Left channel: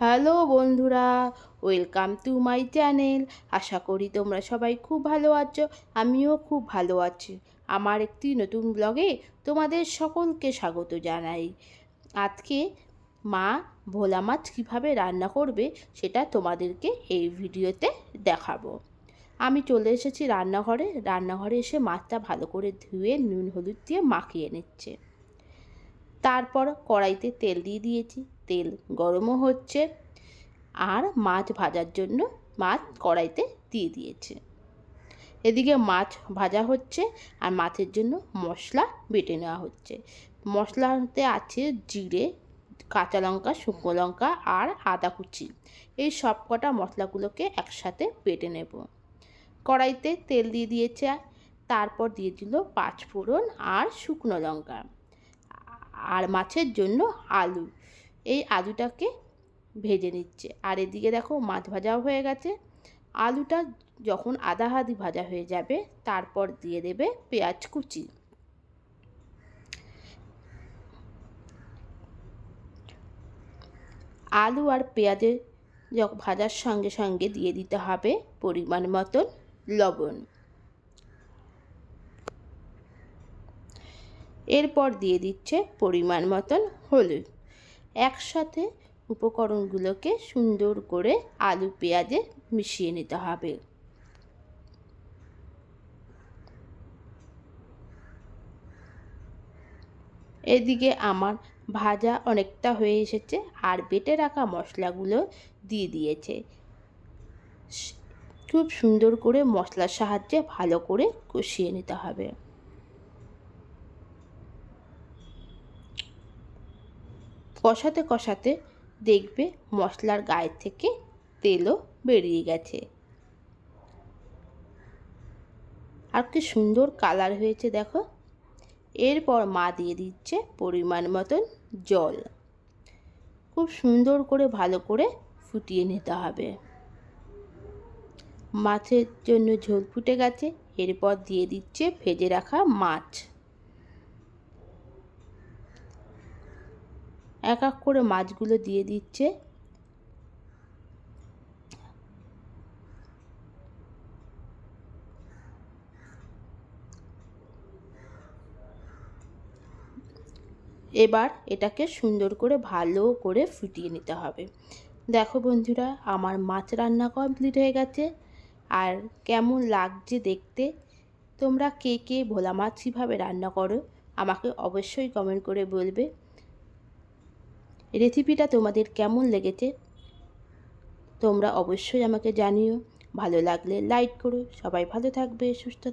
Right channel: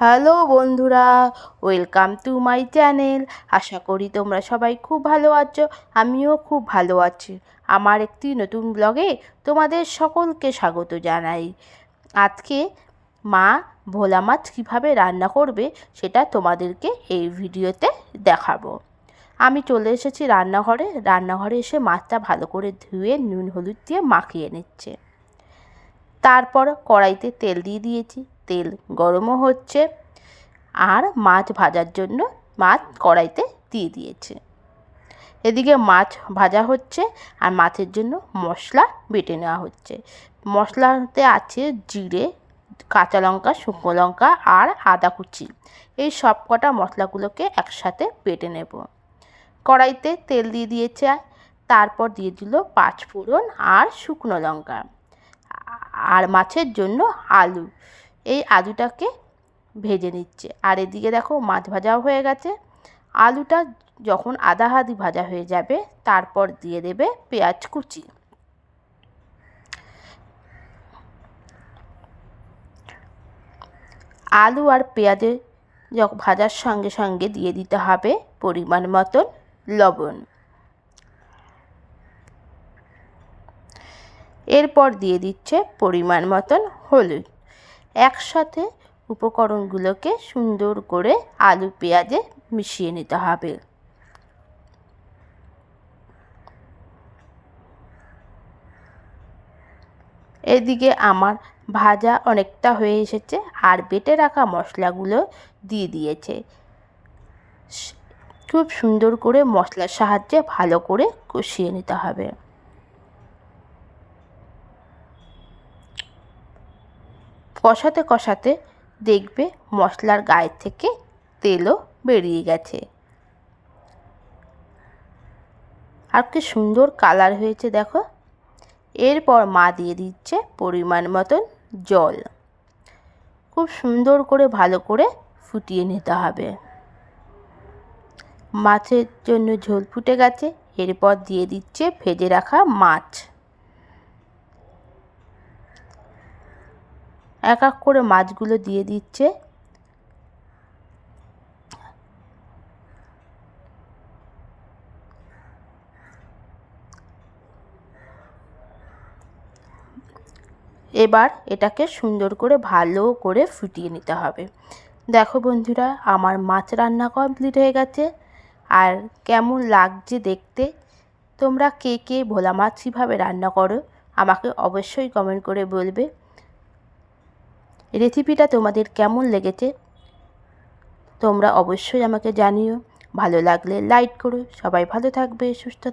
Hello বন্ধুরা, welcome to my channel. আশা করি তোমরা সবাই খুব ভালো আছো। আমিও খুব ভালো আছি। আমার একটি নতুন ব্লগে তোমাদের সকলকে স্বাগত জানাই। আজকে মা ভোলা মাছ কীভাবে রান্না করবে সেটা তোমাদেরকে এই ভিডিওতে দেখাবো। আমি চলে এসেছি রান্নাঘরে এসে মাছটা ভালো করে ধুয়ে নুন হলুদ দিয়ে মাখিয়ে নিচ্ছে। তারপর কড়াইতে তেল দিয়ে দিয়েছি, তেল গরমও হচ্ছে আর মাছ ভাজার জন্য মাছ কড়াইতে দিয়ে দিয়েছে। এদিকে মাছ ভাজা হচ্ছে আর মাছের জন্য মশলা বেটে নেওয়া হচ্ছে। মশলাতে আছে জিরে, কাঁচা লঙ্কা, শুকনো লঙ্কা আর আদা কুচি। এই সব কটা মশলাগুলোকে একসাথে বেটে নেব। কড়াইতে তেল দিয়ে দিয়েছে, তারপর দিয়ে দিল পাঁচফোড়ন আর শুকনো লঙ্কা আর মাছের জন্য আলু। এই আলুটাকে ভেজে নিচ্ছে। আর এদিকে দেখো মাছ ভাজাও হয়ে গেছে। আলুটা যখন আধা আধি ভাজা হয়ে যাবে তারপর দিয়ে দেবে পেঁয়াজ কুচি। আলু আর পেঁয়াজের ভাজার সঙ্গে সঙ্গে দিয়ে দিতে হবে পরিমাণ মতন লবণ। এরপর দিয়ে দিচ্ছে পরিমাণ মতন হলুদ। একসাথে উপকরণগুলোকে সুন্দর করে আলু পেঁয়াজে মিশিয়ে নিতে হবে। এদিকে আমার ভাজা অনেকটা হয়ে এসেছে আর বেটে রাখা মশলাগুলো দিয়ে দিয়েছে। খুব সুন্দর করে মশলার সাহায্যে ভালো করে কষিয়ে নিতে হবে। কষাতে কষাতে দেখবে মশলার গায়ে থেকে তেলও বেরিয়ে গেছে আর কি সুন্দর কালার হয়েছে দেখো। এরপর মা দিয়ে দিচ্ছে পরিমাণ মতন জল। খুব সুন্দর করে ভালো করে ফুটিয়ে নিতে হবে। মাছের জন্য ঝোল ফুটে গেছে। এরপর দিয়ে দিচ্ছে ভেজে রাখা মাছ। এক এক করে মাছগুলো দিয়ে দিচ্ছে। এবার এটাকে সুন্দর করে ভালো করে ফুটিয়ে নিতে হবে। দেখো বন্ধুরা, আমার মাছ রান্না কমপ্লিট হয়ে গেছে। আর কেমন লাগছে দেখতে, তোমরা কে কে ভোলা মাছ কীভাবে রান্না করো আমাকে অবশ্যই কমেন্ট করে বলবে। রেসিপিটা তোমাদের কেমন লেগেছে তোমরা অবশ্যই আমাকে জানিও। ভালো লাগলে লাইক করো। সবাই ভালো থাকবে, সুস্থ থাকবে।